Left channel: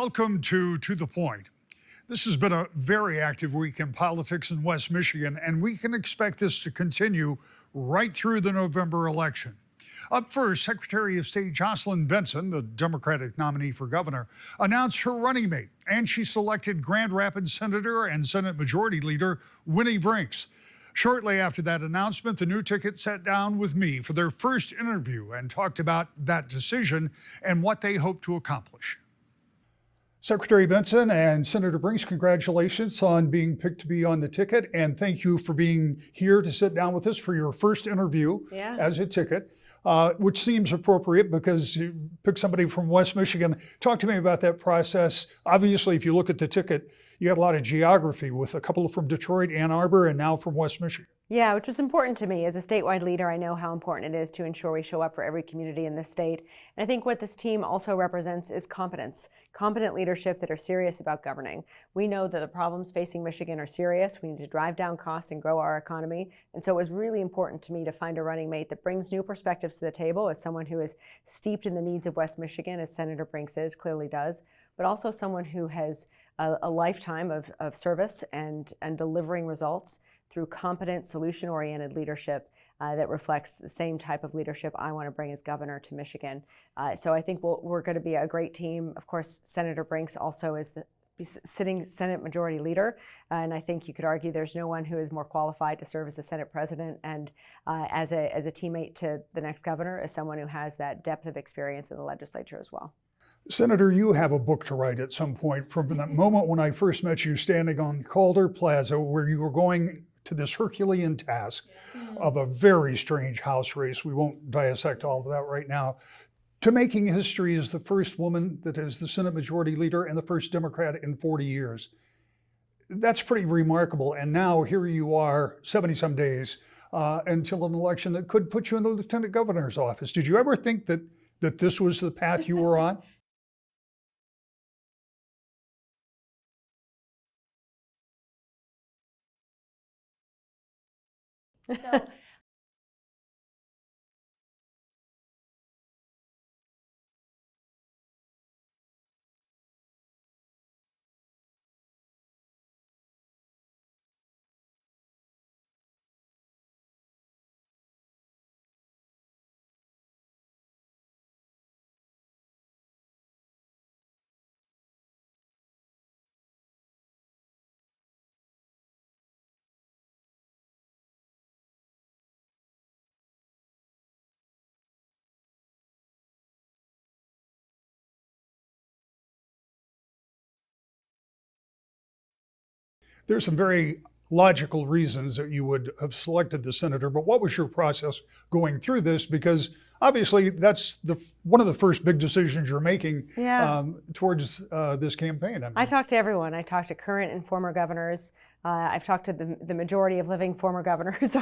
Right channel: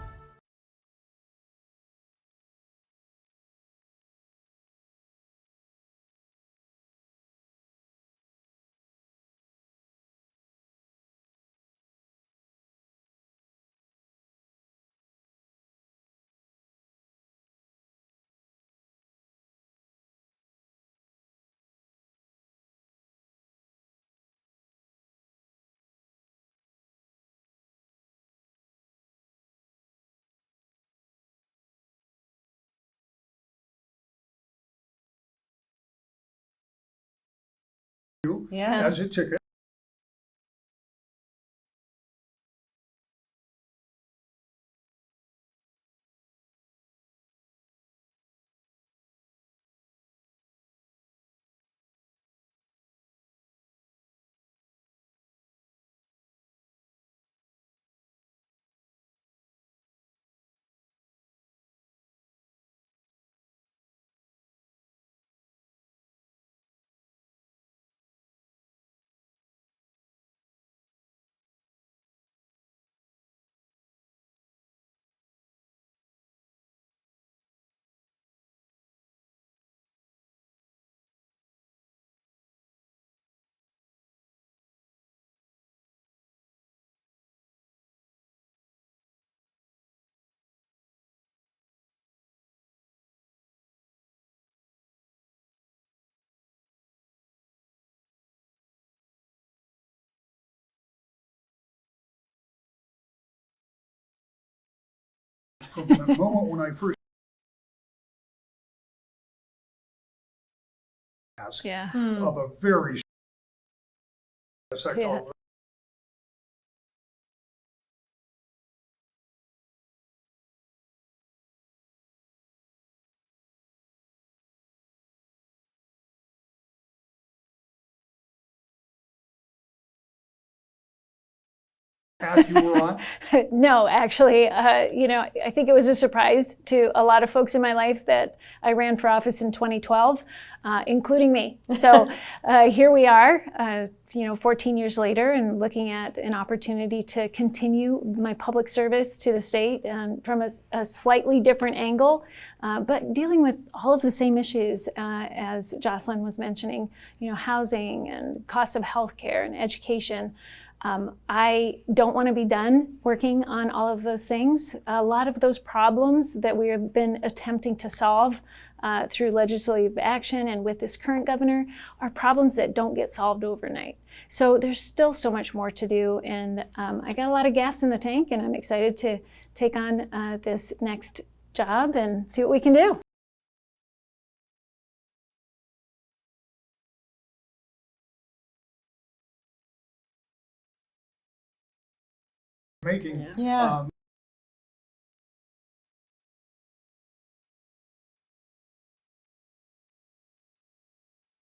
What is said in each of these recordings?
Welcome to the Point. This has been a very active week in politics in West Michigan, and we can expect this to continue right through the November election. Up first, Secretary of State Jocelyn Benson, the Democratic nominee for governor, announced her running mate, and she selected Grand Rapids Senator and Senate Majority Leader Winnie Brinks. Shortly after that announcement, the new ticket sat down with me for their first interview and talked about that decision and what they hope to accomplish. Secretary Benson and Senator Brinks, congratulations on being picked to be on the ticket, and thank you for being here to sit down with us for your first interview as a ticket, which seems appropriate because you picked somebody from West Michigan. Talk to me about that process. Obviously, if you look at the ticket, you got a lot of geography with a couple from Detroit, Ann Arbor, and now from West Michigan. Yeah, which was important to me. As a statewide leader, I know how important it is to ensure we show up for every community in this state. And I think what this team also represents is competence, competent leadership that are serious about governing. We know that the problems facing Michigan are serious. We need to drive down costs and grow our economy. And so it was really important to me to find a running mate that brings new perspectives to the table, as someone who is steeped in the needs of West Michigan, as Senator Brinks clearly does, but also someone who has a lifetime of service and delivering results through competent, solution-oriented leadership that reflects the same type of leadership I want to bring as governor to Michigan. So I think we're going to be a great team. Of course, Senator Brinks also is the sitting Senate Majority Leader, and I think you could argue there's no one who is more qualified to serve as the Senate President and as a teammate to the next governor, as someone who has that depth of experience in the legislature as well. Senator, you have a book to write at some point from that moment when I first met you standing on Calder Plaza, where you were going to this Herculean task of a very strange House race. We won't dissect all of that right now. To making history as the first woman that is the Senate Majority Leader and the first Democrat in 40 years. That's pretty remarkable. And now here you are, 70-some days until an election that could put you in the Lieutenant Governor's office. Did you ever think that this was the path you were on? No, actually, I think it was a surprise to a lot of folks in my life that I ran for office in 2012, including me. So here we are, 14 years later, and looking at an opportunity to continue my public service to the state from a slightly different angle, but dealing with all of the same issues as Jocelyn was mentioning, housing and cost of healthcare and education. I don't want to be done working on all of those things. A lot of those problems that we have been attempting to solve through legislative action and with this current governor are problems that don't get solved overnight. So there's still so much more to do, and I got a lot of gas in the tank, and I'm excited to take on this next job and see what we can do. There's some very logical reasons that you would have selected the senator, but what was your process going through this? Because obviously, that's one of the first big decisions you're making towards this campaign. I talked to everyone. I talked to current and former governors. I've talked to the majority of living former governors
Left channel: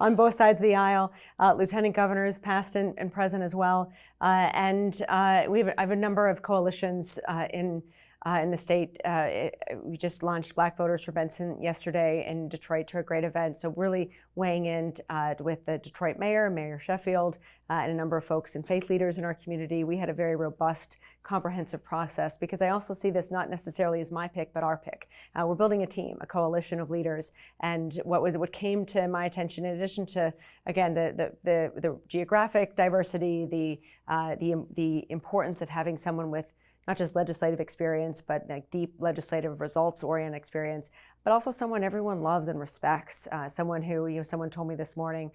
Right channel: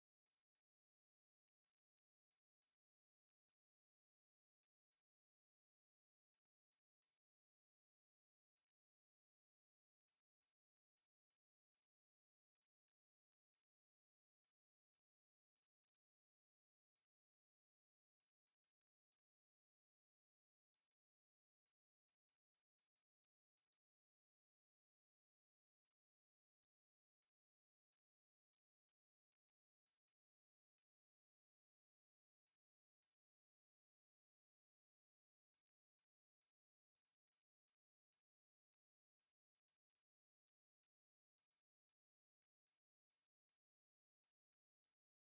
on both sides of the aisle, lieutenant governors, past and present as well. And I have a number of coalitions in the state. We just launched Black Voters for Benson yesterday in Detroit to a great event. So really weighing in with the Detroit mayor, Mayor Sheffield, and a number of folks and faith leaders in our community. We had a very robust, comprehensive process, because I also see this not necessarily as my pick, but our pick. We're building a team, a coalition of leaders. And what came to my attention, in addition to, again, the geographic diversity, the importance of having someone with not just legislative experience, but like deep legislative results-oriented experience, but also someone everyone loves and respects. Someone who, someone told me this morning,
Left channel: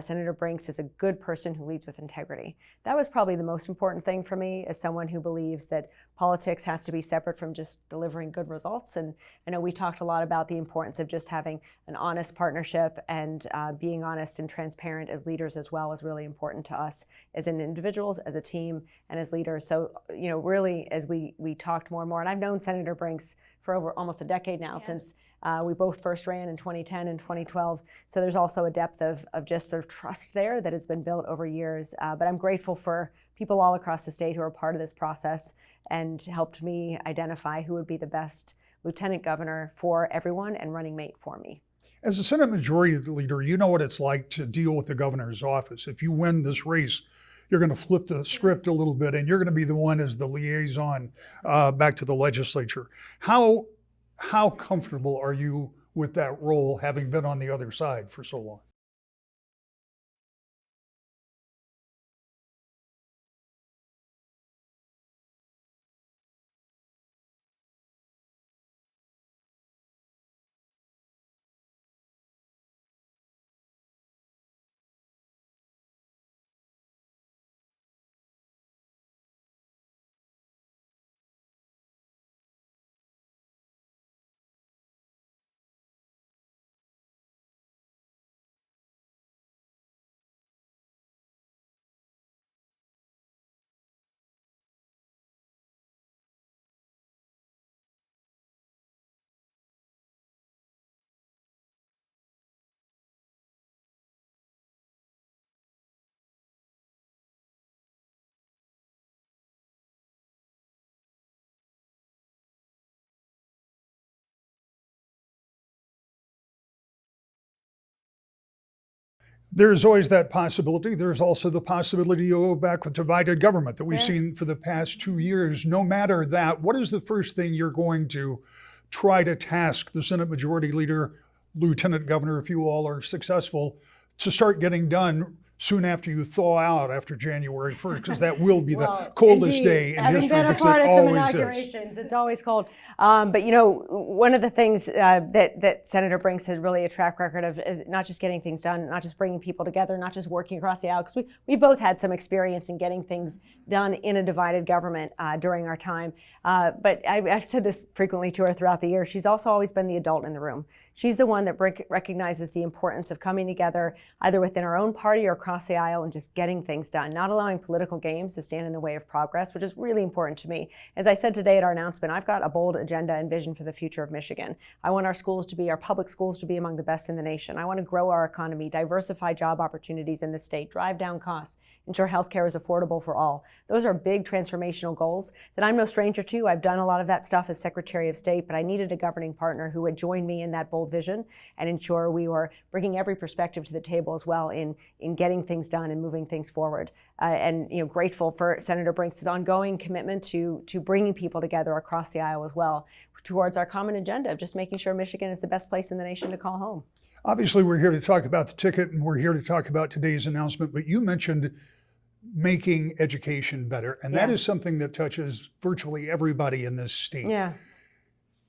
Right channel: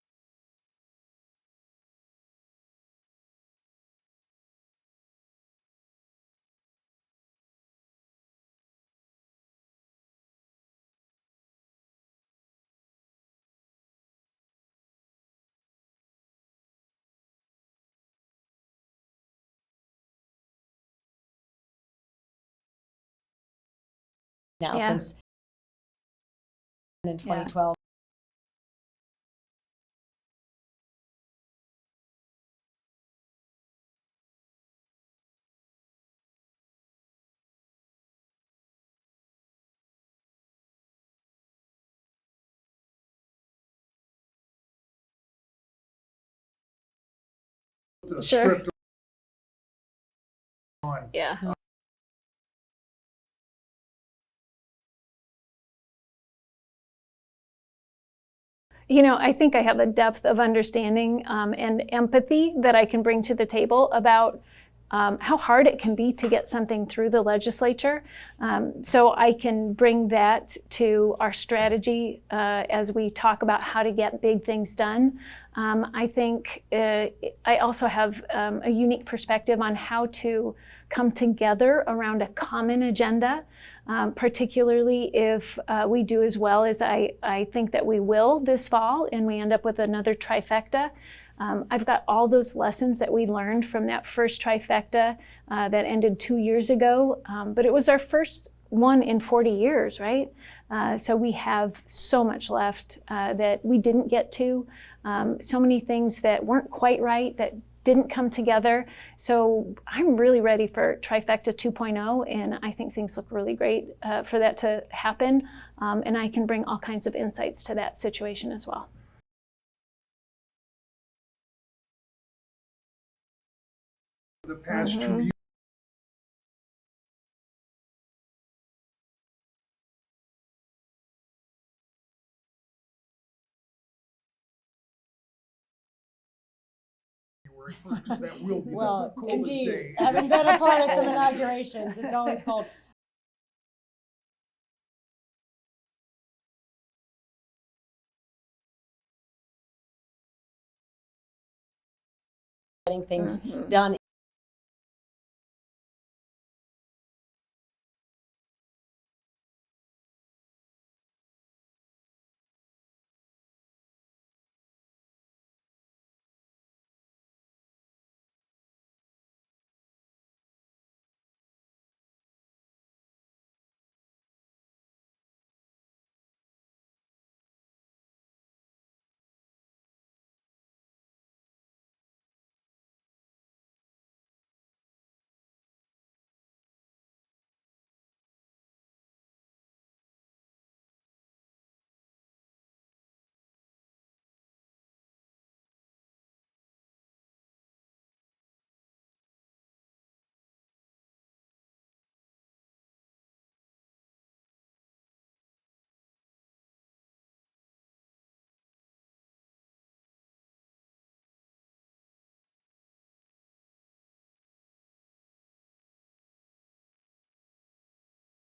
Senator Brinks is a good person who leads with integrity. That was probably the most important thing for me, as someone who believes that politics has to be separate from just delivering good results. And I know we talked a lot about the importance of just having an honest partnership, and being honest and transparent as leaders as well is really important to us as individuals, as a team, and as leaders. So, really, as we talked more and more, and I've known Senator Brinks for over almost a decade now, since we both first ran in 2010 and 2012. So there's also a depth of just sort of trust there that has been built over years. But I'm grateful for people all across the state who are part of this process and helped me identify who would be the best lieutenant governor for everyone and running mate for me. As a Senate Majority Leader, you know what it's like to deal with the governor's office. If you win this race, you're going to flip the Sure. script a little bit, and you're going to be the one as the liaison Yeah. back to the legislature. How comfortable are you with that role, having been on the other side for so long? You know, I think I have a depth of understanding and empathy that I can bring to the table about how hard it can be to get something through the legislature. So I can bring that to our strategy as we talk about how to get big things done. I think I also have a unique perspective on how to come together around a common agenda. Particularly if we do as well as I think that we will this fall and we end up with another trifecta. I've got all those lessons that we learned from that first trifecta that ended 2 years ago, but it was our first one in 40 years, right? So we have so much left that we didn't get to, so many things that weren't quite right, that didn't come together. So I'm really ready for Trifecta 2.0, and I think things look really great for that to happen. And I can bring all kinds of insights to that situation as well. There's always that possibility. There's also the possibility you go back with divided government that we've Yeah. seen for the past 2 years. No matter that, what is the first thing you're going to try to task the Senate Majority Leader, Lieutenant Governor, if you all are successful, to start getting done soon after you thaw out after January 1st? Because that will be the coldest day in history, Better because part it of some always is. inaugurations. It's always cold. But you know, one of the things that Senator Brinks has really a track record of is not just getting things done, not just bringing people together, not just working across the aisle, because we both had some experience in getting things done in a divided government during our time. But I've said this frequently to her throughout the year. She's also always been the adult in the room. She's the one that recognizes the importance of coming together either within our own party or across the aisle and just getting things done, not allowing political games to stand in the way of progress, which is really important to me. As I said today at our announcement, I've got a bold agenda and vision for the future of Michigan. I want our public schools to be among the best in the nation. I want to grow our economy, diversify job opportunities in the state, drive down costs, ensure healthcare is affordable for all. Those are big transformational goals that I'm no stranger to. I've done a lot of that stuff as Secretary of State, but I needed a governing partner who would join me in that bold vision and ensure we were bringing every perspective to the table as well in getting things done and moving things forward. And you know, grateful for Senator Brinks' ongoing commitment to bringing people together across the aisle as well towards our common agenda of just making sure Michigan is the best place in the nation to call home. Obviously, we're here to talk about the ticket, and we're here to talk about today's announcement, but you mentioned making education better, and that Yeah. is something that touches virtually everybody in this state. Yeah.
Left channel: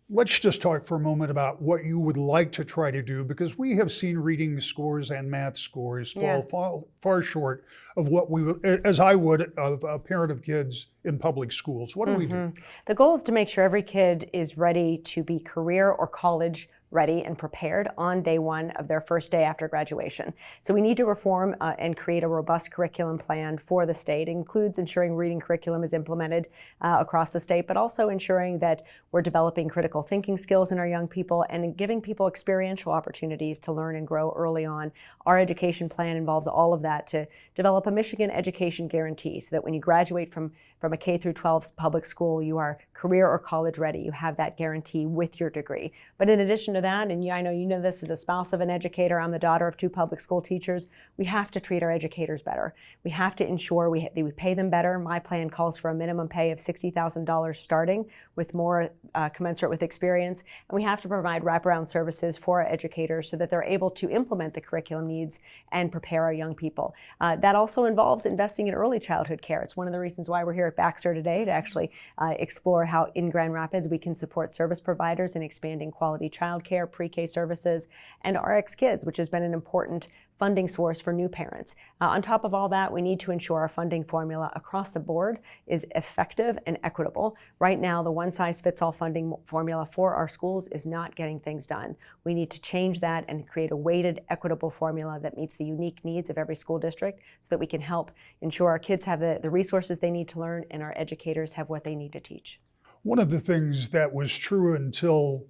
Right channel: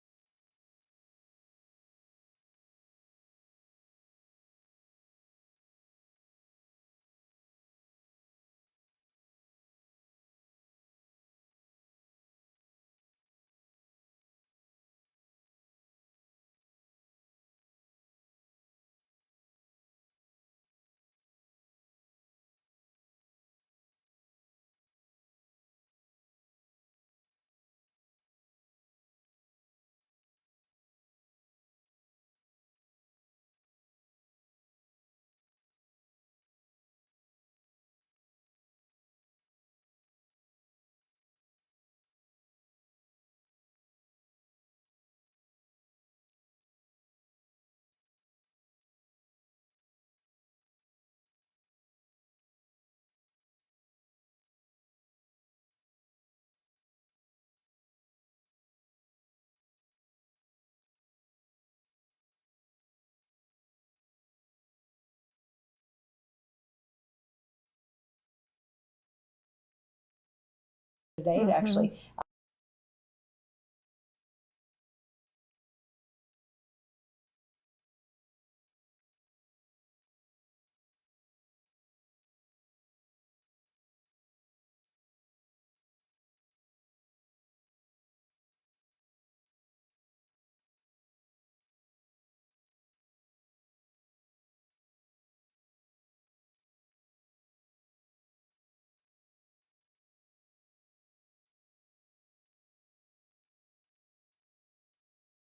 Let's just talk for a moment about what you would like to try to do, because we have seen reading scores and math scores Yeah. fall far short of what we would, as I would, of a parent of kids in public schools. What do we do? The goal is to make sure every kid is ready to be career or college ready and prepared on day one of their first day after graduation. So we need to reform and create a robust curriculum plan for the state. It includes ensuring reading curriculum is implemented across the state, but also ensuring that we're developing critical thinking skills in our young people and giving people experiential opportunities to learn and grow early on. Our education plan involves all of that to develop a Michigan education guarantee so that when you graduate from a K through 12 public school, you are career or college ready. You have that guarantee with your degree. But in addition to that, and I know you know this as a spouse of an educator, I'm the daughter of 2 public school teachers, we have to treat our educators better. We have to ensure we pay them better. My plan calls for a minimum pay of $60,000 starting, with more commensurate with experience. And we have to provide wraparound services for our educators so that they're able to implement the curriculum needs and prepare our young people. That also involves investing in early childhood care. It's one of the reasons why we're here at Baxter today to actually explore how in Grand Rapids we can support service providers in expanding quality childcare, pre-K services, and RX Kids, which has been an important funding source for new parents. On top of all that, we need to ensure our funding formula across the board is effective and equitable. Right now, the one-size-fits-all funding formula for our schools is not getting things done. We need to change that and create a weighted, equitable formula that meets the unique needs of every school district so that we can help ensure our kids have the resources they need to learn and our educators have what they need to teach. One of the things that was true until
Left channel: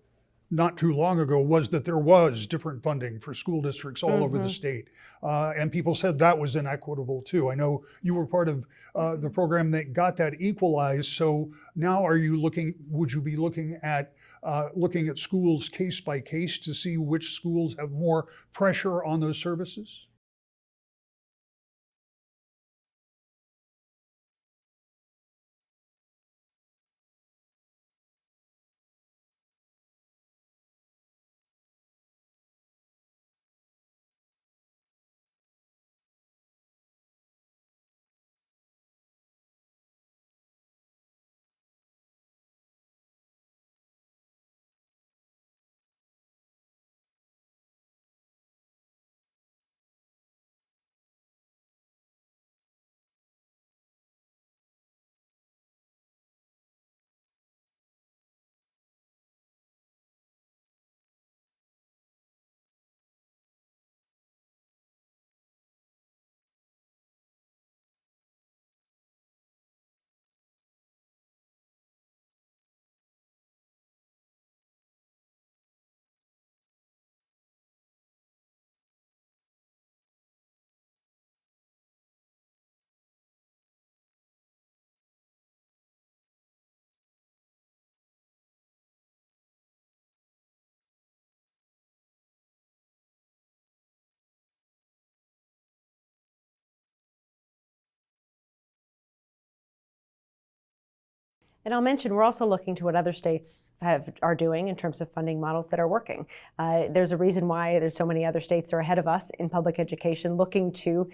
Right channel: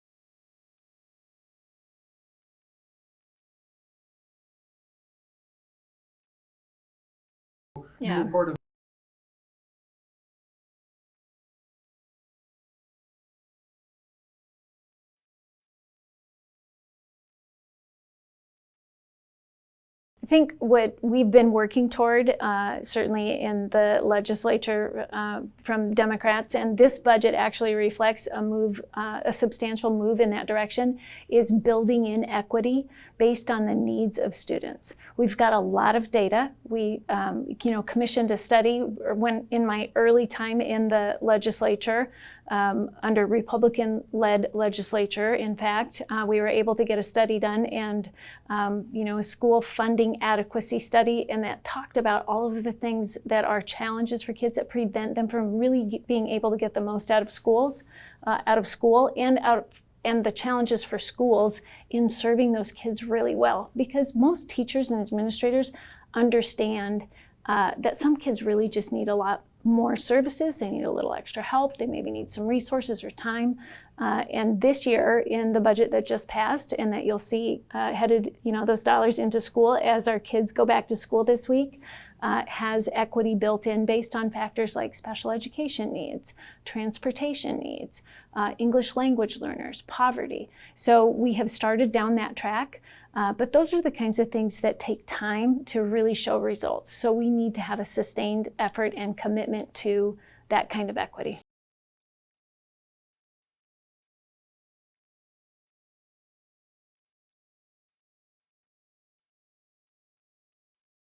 not too long ago was that there was different funding for school districts all over the state. And people said that was inequitable too. I know you were part of the program that got that equalized. So now would you be looking at schools case by case to see which schools have more pressure on those services? I think what we've been working toward, certainly in the legislature from Democrats, and this budget actually reflects a move, a substantial move in that direction, is building in equity based on the needs of students. We've got a lot of data. We, commissioned a study when in my early time in the legislature. Under Republican-led legislature, in fact, we were able to get a study done and, a school funding adequacy study, and that talked about all of the things that are challenges for kids that prevent them from really being able to get the most out of school, and the challenges for schools in serving those kids really well. Because most teachers and administrators understand that some kids really just need a lot more services, they need a little extra help, they maybe need some resources or time. And this year in the budget that just passed and that you'll see headed, those dollars into school as our kids go back to school this week, has equity built in based on factors like special education needs, transportation needs, English language learners, poverty. So we have started down that track. But those are the kinds of things that take time to really show results. So we need to have a sustained effort and commitment to that kind of equity. And I'll mention, we're also looking to what other states are doing in terms of funding models that are working. There's a reason why there's so many other states that are ahead of us in public education, looking to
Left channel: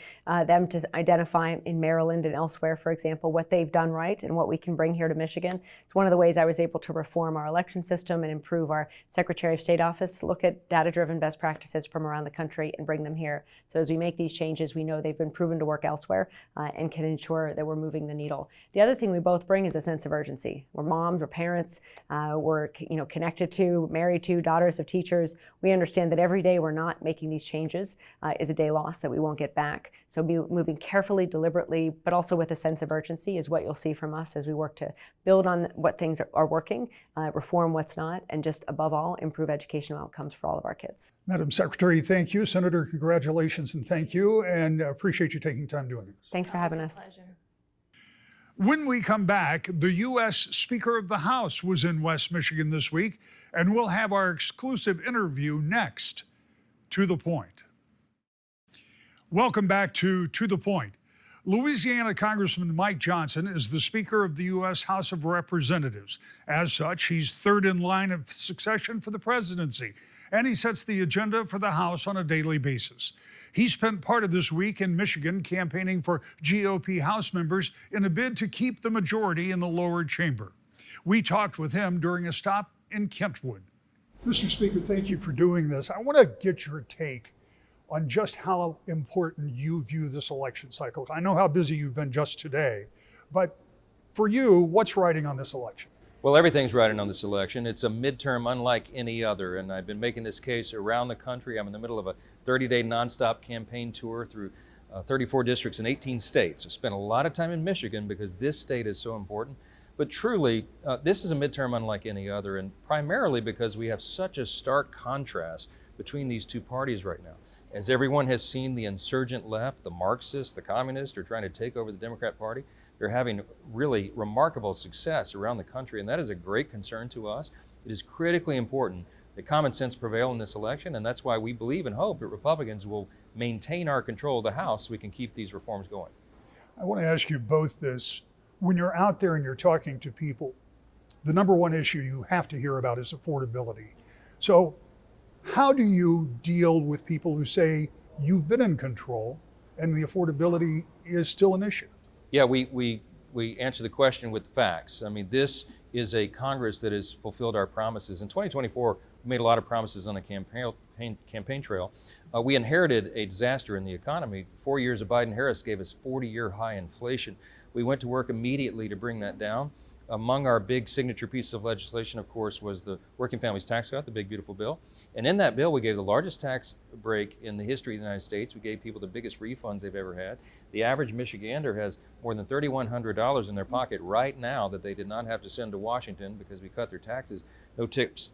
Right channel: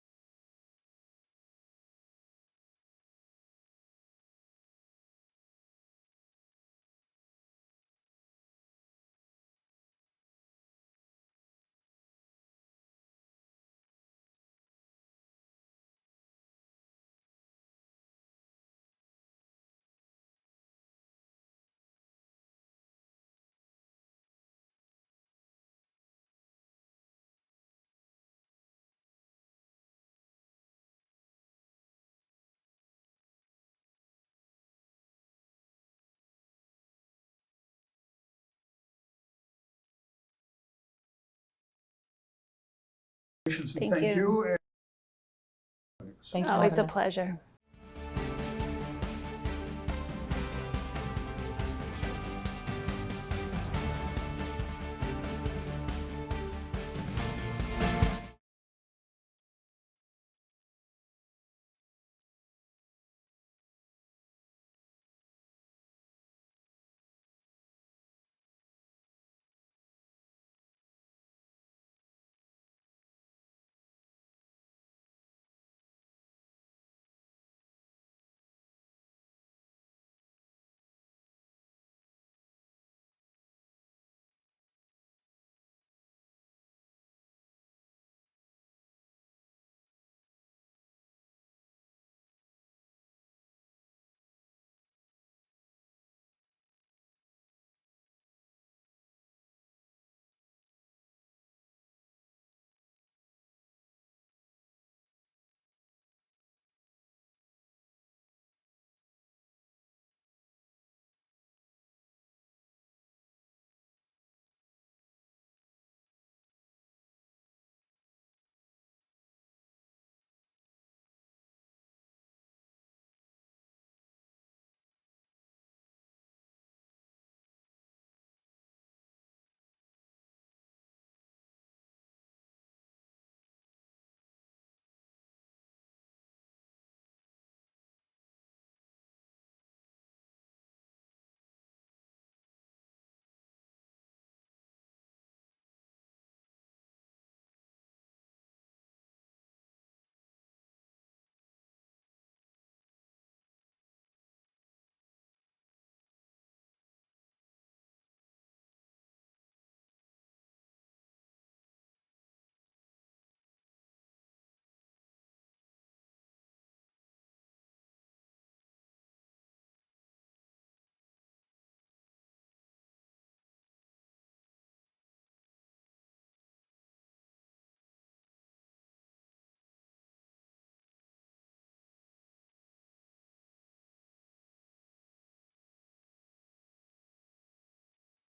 them to identify in Maryland and elsewhere, for example, what they've done right and what we can bring here to Michigan. It's one of the ways I was able to reform our election system and improve our Secretary of State office, look at data-driven best practices from around the country and bring them here. So as we make these changes, we know they've been proven to work elsewhere and can ensure that we're moving the needle. The other thing we both bring is a sense of urgency. We're moms, we're parents, we're connected to, married to, daughters of teachers. We understand that every day we're not making these changes is a day lost that we won't get back. So be moving carefully, deliberately, but also with a sense of urgency is what you'll see from us as we work to build on what things are working, reform what's not, and just above all, improve educational outcomes for all of our kids. Madam Secretary, thank you. Senator, congratulations and thank you. And appreciate you taking time doing this. Thanks for Always having a us. pleasure. When we come back, the U.S. Speaker of the House was in West Michigan this week, and we'll have our exclusive interview next. To the Point. Welcome back to the Point. Louisiana Congressman Mike Johnson is the Speaker of the U.S. House of Representatives. As such, he's third in line of succession for the presidency, and he sets the agenda for the House on a daily basis. He spent part of this week in Michigan campaigning for GOP House members in a bid to keep the majority in the lower chamber. We talked with him during a stop in Kentwood. Mr. Speaker, thank you for doing this. I want to get your take on just how important you view this election cycle. I know how busy you've been just today, but for you, what's riding on this election? Well, everything's riding on this election. It's a midterm unlike any other, and I've been making this case around the country. I'm in the middle of a 30-day nonstop campaign tour through 34 districts in 18 states. I spent a lot of time in Michigan because this state is so important. But truly, this is a midterm unlike any other, and primarily because we have such a stark contrast between these two parties right now. As everyone has seen, the insurgent left, the Marxists, the communists are trying to take over the Democrat Party. They're having really remarkable success around the country, and that is a great concern to us. It is critically important that common sense prevail in this election, and that's why we believe and hope that Republicans will maintain our control of the House so we can keep these reforms going. I want to ask you both this. When you're out there and you're talking to people, the number one issue you have to hear about is affordability. So how do you deal with people who say you've been in control and the affordability is still an issue? Yeah, we answer the question with facts. I mean, this is a Congress that has fulfilled our promises. In 2024, we made a lot of promises on the campaign trail. We inherited a disaster in the economy. 4 years of Biden-Harris gave us 40-year high inflation. We went to work immediately to bring that down. Among our big signature pieces of legislation, of course, was the Working Families Tax Cut, the big, beautiful bill. And in that bill, we gave the largest tax break in the history of the United States. We gave people the biggest refunds they've ever had. The average Michigander has more than $3,100 in their pocket right now that they did not have to send to Washington because we cut their taxes. No tips,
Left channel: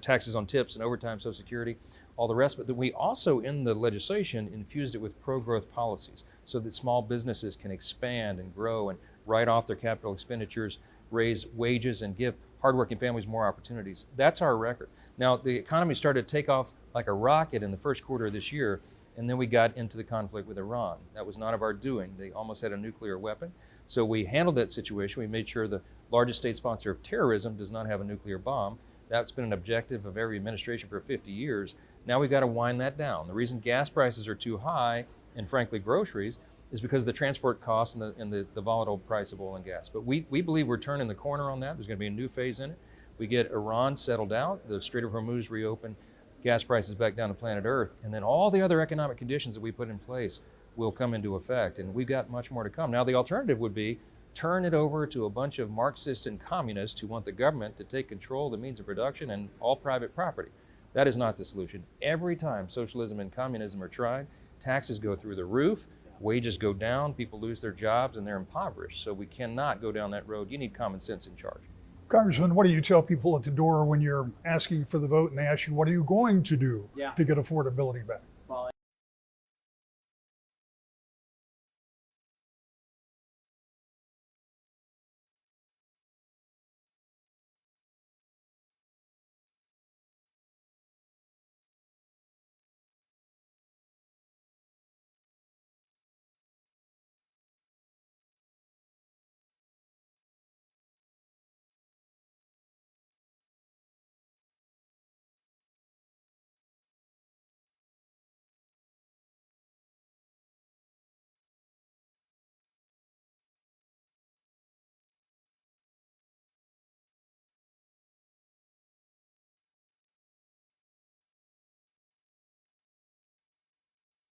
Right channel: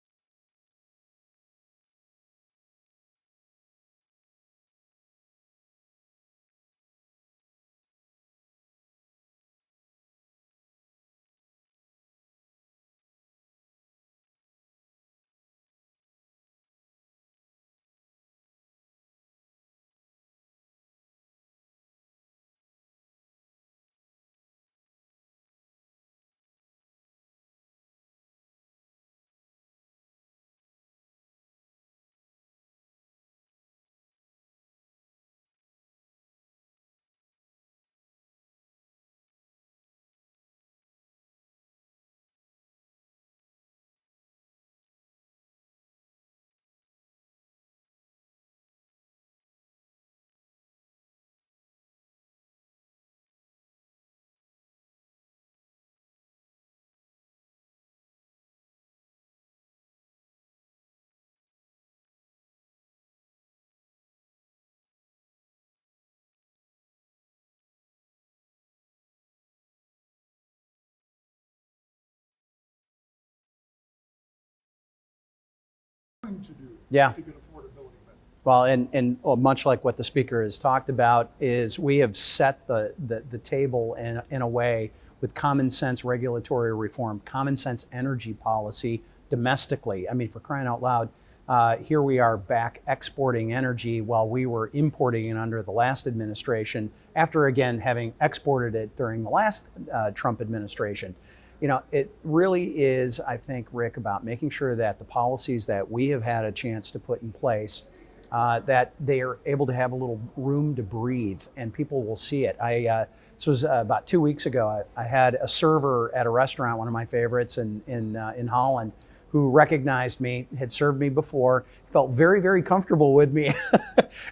taxes on tips and overtime, Social Security, all the rest. But we also, in the legislation, infused it with pro-growth policies so that small businesses can expand and grow and write off their capital expenditures, raise wages, and give hardworking families more opportunities. That's our record. Now, the economy started to take off like a rocket in the first quarter of this year, and then we got into the conflict with Iran. That was not of our doing. They almost had a nuclear weapon. So we handled that situation. We made sure the largest state sponsor of terrorism does not have a nuclear bomb. That's been an objective of every administration for 50 years. Now we've got to wind that down. The reason gas prices are too high, and frankly groceries, is because of the transport costs and the volatile price of oil and gas. But we believe we're turning the corner on that. There's going to be a new phase in it. We get Iran settled out, the Strait of Hormuz reopened, gas prices back down to planet Earth, and then all the other economic conditions that we put in place will come into effect, and we've got much more to come. Now the alternative would be turn it over to a bunch of Marxists and communists who want the government to take control of the means of production and all private property. That is not the solution. Every time socialism and communism are tried, taxes go through the roof, wages go down, people lose their jobs, and they're impoverished. So we cannot go down that road. You need common sense in charge. Congressman, what do you tell people at the door when you're asking for the vote and they ask you, what are you going to do to get affordability back? Well, and much like what the speaker has talked about, is we have set the table in a way with common sense regulatory reform, common sense energy policy domestically. I mean, for crying out loud, here we are back exporting energy while we were importing it under the last administration, after again having exported it during the last Trump administration. You know, it really is, I think, Rick, about making sure that the policies that we have had a chance to put in place, that they are able to have a little room to breathe and people will see it. This was about 2 weeks ago. I had a server at a restaurant, one of my favorites in Holland, who recognized me, had served me before, felt very, very comfortable with me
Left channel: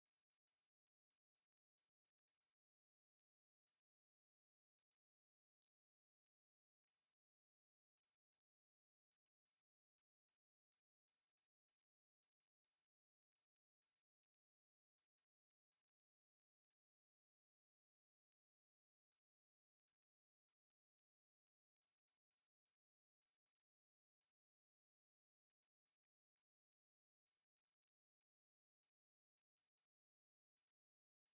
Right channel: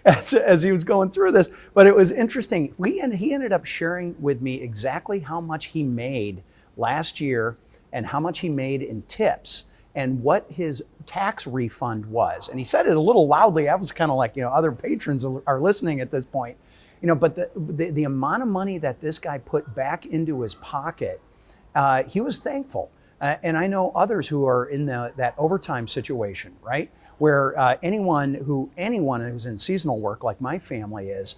as he was going through this. But it was interesting. He ended up sharing with me exactly how much he made last year and how much he made in tips and what his tax refund was. And he said it a little loudly. I was kind of like, other patrons are listening at this point. But the amount of money that this guy put back into his pocket, he was thankful. And I know others who are in that overtime situation, right? Where anyone who's in seasonal work, like my family is,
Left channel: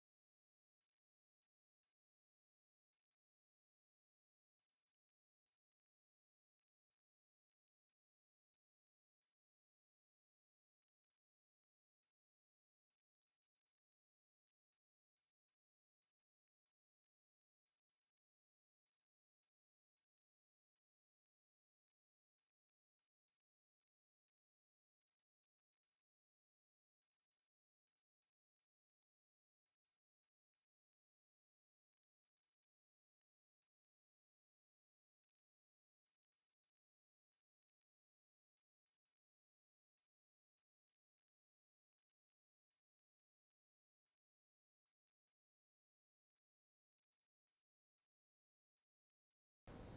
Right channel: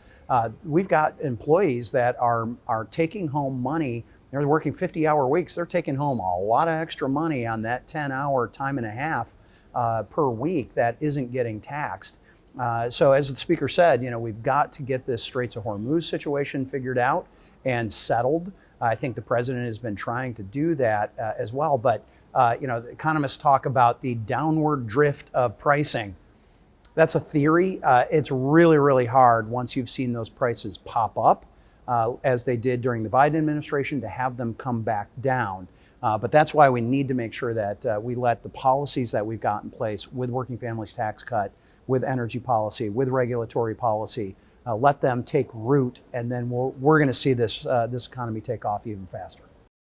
we've got employees that are taking home money. They're working 50-hour weeks. They're taking home a lot of extra money on that 10-hour time and a half per week that isn't getting taxed. So as the speaker said, we've got to get this Straits of Hormuz situation figured out and settled. I think the president has been trying to do that as well. But the economists talk about the downward drift of pricing. That's a theory. It's really, really hard once you've seen those prices pop up, as they did during the Biden administration, to have them come back down. But that's why we need to make sure that we let the policies that we've got in place with Working Families Tax Cut, with energy policy, with regulatory policy, let them take root, and then we're going to see this economy take off even faster.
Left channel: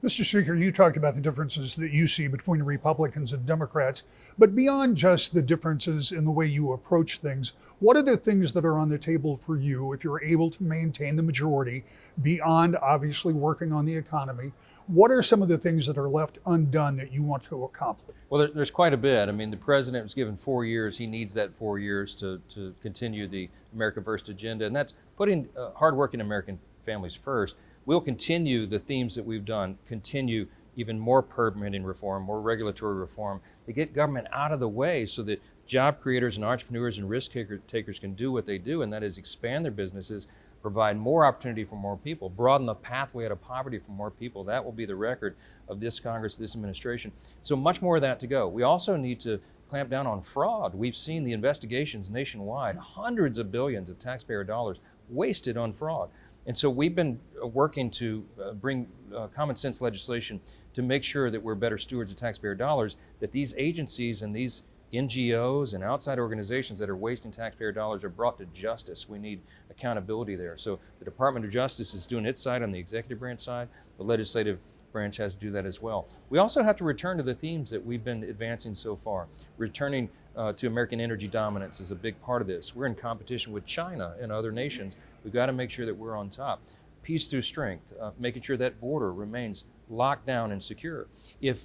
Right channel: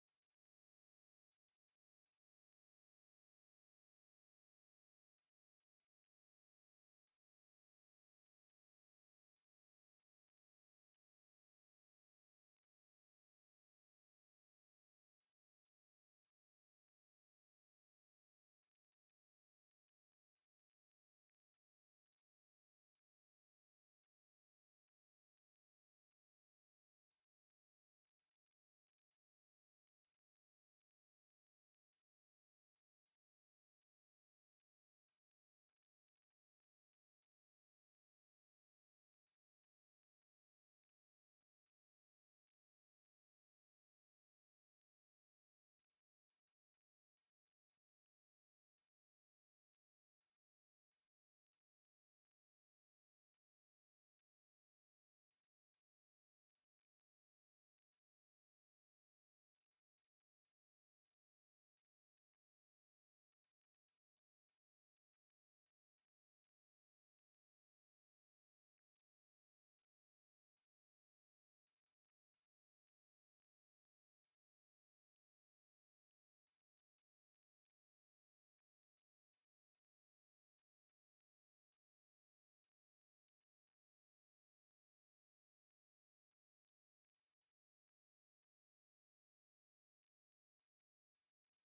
Mr. Speaker, you talked about the differences that you see between Republicans and Democrats, but beyond just the differences in the way you approach things, what are the things that are on the table for you if you're able to maintain the majority beyond obviously working on the economy? What are some of the things that are left undone that you want to accomplish? Well, there's quite a bit. I mean, the president was given 4 years. He needs that 4 years to continue the America First agenda, and that's putting hardworking American families first. We'll continue the themes that we've done, continue even more permitting reform, more regulatory reform, to get government out of the way so that job creators and entrepreneurs and risk takers can do what they do, and that is expand their businesses, provide more opportunity for more people, broaden the pathway out of poverty for more people. That will be the record of this Congress, this administration. So much more of that to go. We also need to clamp down on fraud. We've seen the investigations nationwide, hundreds of billions of taxpayer dollars wasted on fraud. And so we've been working to bring common sense legislation to make sure that we're better stewards of taxpayer dollars, that these agencies and these NGOs and outside organizations that are wasting taxpayer dollars are brought to justice. We need accountability there. So the Department of Justice is doing its side on the executive branch side. The legislative branch has to do that as well. We also have to return to the themes that we've been advancing so far. Returning to American energy dominance is a big part of this. We're in competition with China and other nations. We've got to make sure that we're on top. Peace through strength, making sure that border remains locked down and secure. If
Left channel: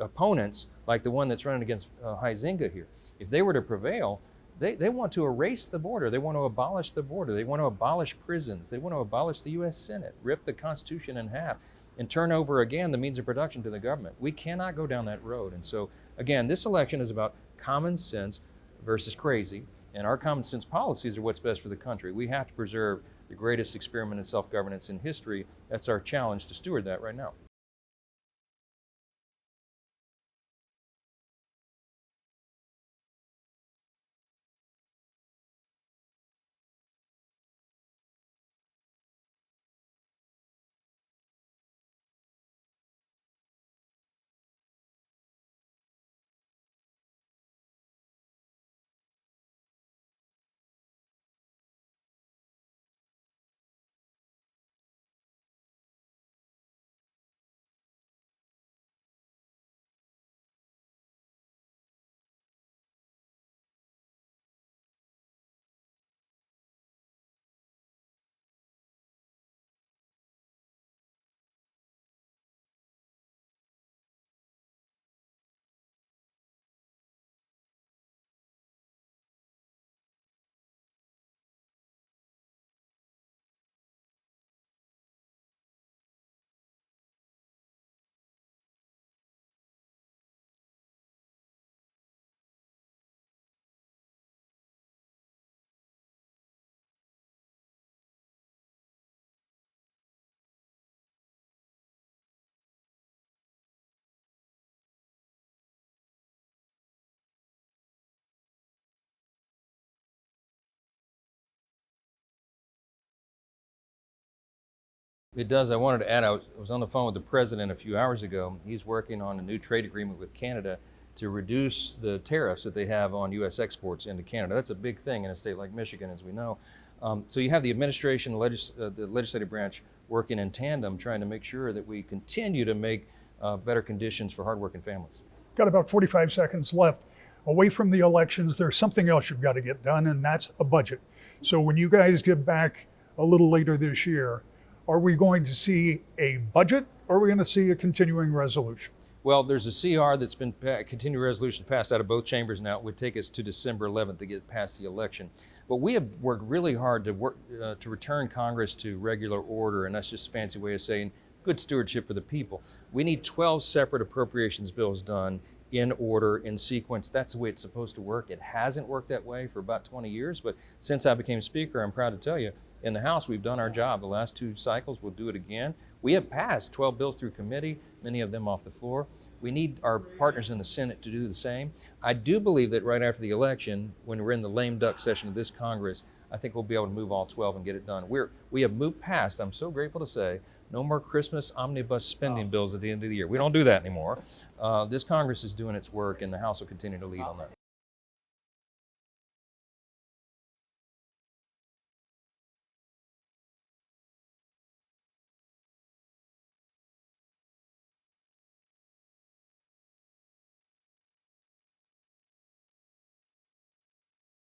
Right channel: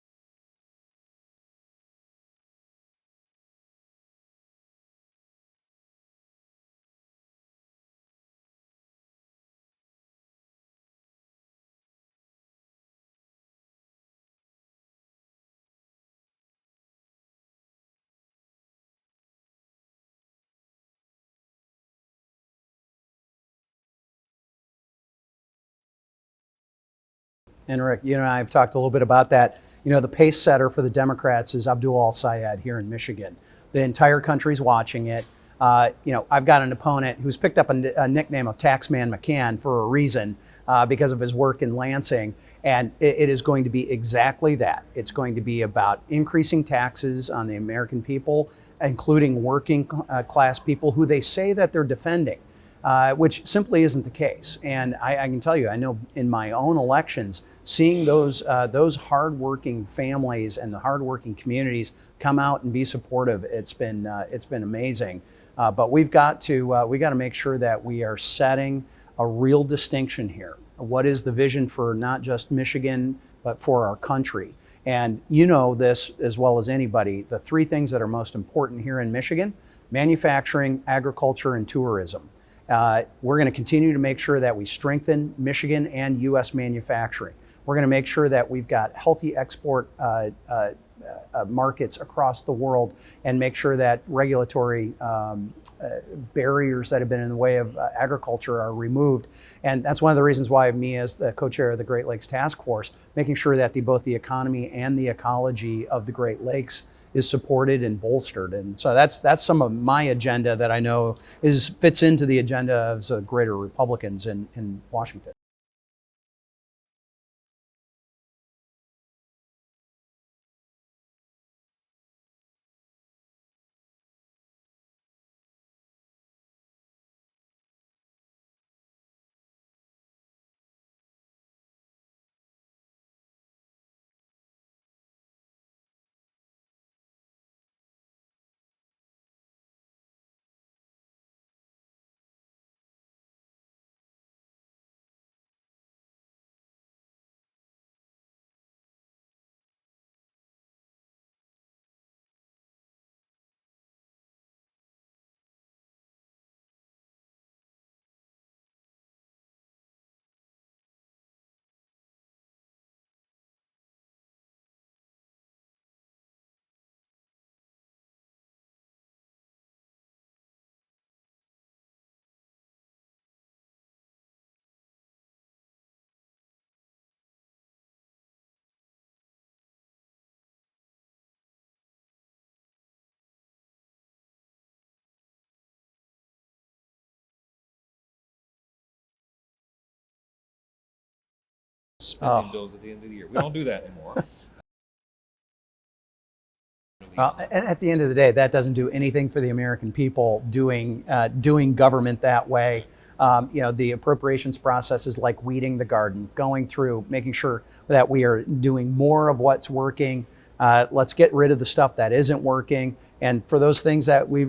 opponents, like the one that's running against Huizenga here, if they were to prevail, they want to erase the border. They want to abolish the border. They want to abolish prisons. They want to abolish the U.S. Senate, rip the Constitution in half, and turn over again the means of production to the government. We cannot go down that road. And so, again, this election is about common sense, versus crazy. And our common sense policies are what's best for the country. We have to preserve the greatest experiment in self-governance in history. That's our challenge to steward that right now. And Rick, you and I have talked a little bit about that. You know, the pace setter for the Democrats is Abdul al-Sayed here in Michigan. The entire country's watching it. You know, I've got an opponent who's picked up a nickname of Taxman McCann for a reason because of his work in Lansing. And it is going to be exactly that. It's going to be about increasing taxes on the American people, including working class people who they say that they're defending, which simply isn't the case. And I can tell you, I know in my own elections, seeing those hardworking families and the hardworking communities come out and be supportive, it's been amazing. But we've got to make sure that we are setting a real distinction here. What is the vision for not just Michigan, but for our country? And you know this as well as anybody, the three things that are most important here in Michigan: manufacturing, agriculture, and tourism. We're going to continue to make sure that we strengthen Michigan and U.S. manufacturing. We're going to make sure that we've got healthy export markets across the world, and make sure that regulatory barriers that have been in the way of agriculture are removed. And that's one of the reasons why me, as the co-chair of the Great Lakes Task Force, making sure that both the economy and the ecology of the Great Lakes is supported and bolstered. And so that's some of my agenda that I know fits into the agenda of the greater Republicans in Washington. It does. I wanted to add, I was on the phone with the president a few hours ago. He's working on a new trade agreement with Canada to reduce the tariffs that they have on U.S. exports into Canada. That's a big thing in a state like Michigan, as we know. So you have the administration, the legislative branch working in tandem, trying to make sure that we continue to make better conditions for hardworking families. Got about 45 seconds left. Away from the elections, there's something else you've got to get done, and that's a budget. So when you guys get back a little later this year, are we going to see a budget, or are we going to see a continuing resolution? Well, there's a CR that's been continuing resolution passed out of both chambers now. It would take us to December 11th to get past the election. But we have worked really hard to return Congress to regular order, and that's just a fancy way of saying good stewardship for the people. We need 12 separate appropriations bills done in order, in sequence. That's the way it's supposed to work. It hasn't worked that way for about 20 years, but since I became Speaker, I'm proud to tell you, in the House, we've done our job. The last 2 cycles, we'll do it again. We have passed 12 bills through committee, many of them off the floor. We need our partners in the Senate to do the same. I do believe that right after the election, when we're in the lame duck session of this Congress, I think we'll be able to move all 12 and get it done. We have moved past, I'm so grateful to say, no more Christmas omnibus spending bills at the end of the year. We don't do that anymore. This Congress is doing its work, and the House will continue to lead. And at the end of the day, that doesn't do anything for the American people doing government that way. You know, the appropriations process is like weeding the garden, going through, making sure that we are doing more of what's working. Let's get rid of the stuff that isn't working. And for those things that we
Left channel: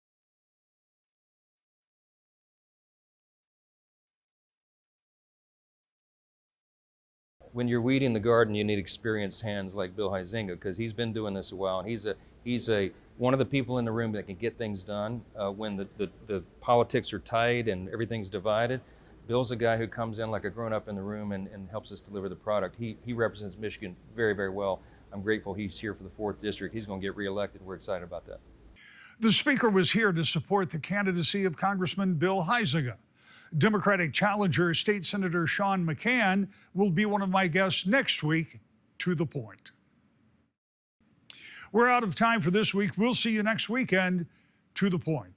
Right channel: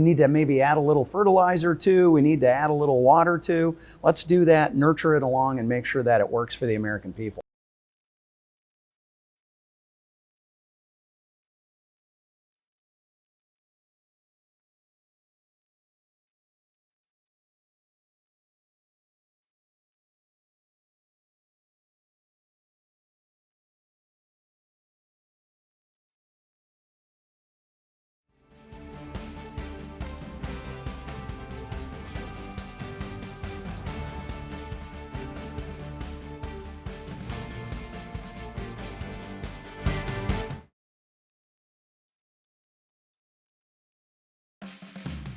need to maybe add a little fertilizer to, we need to add a little water to, let's do that, nurture it along, and make sure that it works for the American people. When you're weeding the garden, you need experienced hands like Bill Huizenga, because he's been doing this a while, and he's one of the people in the room that can get things done when the politics are tight and everything's divided. Bill's a guy who comes in like a grown-up in the room and helps us deliver the product. He represents Michigan very, very well. I'm grateful he's here for the 4th District. He's going to get reelected. We're excited about that. The Speaker was here to support the candidacy of Congressman Bill Huizenga. Democratic challenger State Senator Sean McCann will be one of my guests next week. To the point. We're out of time for this week. We'll see you next weekend. To the point.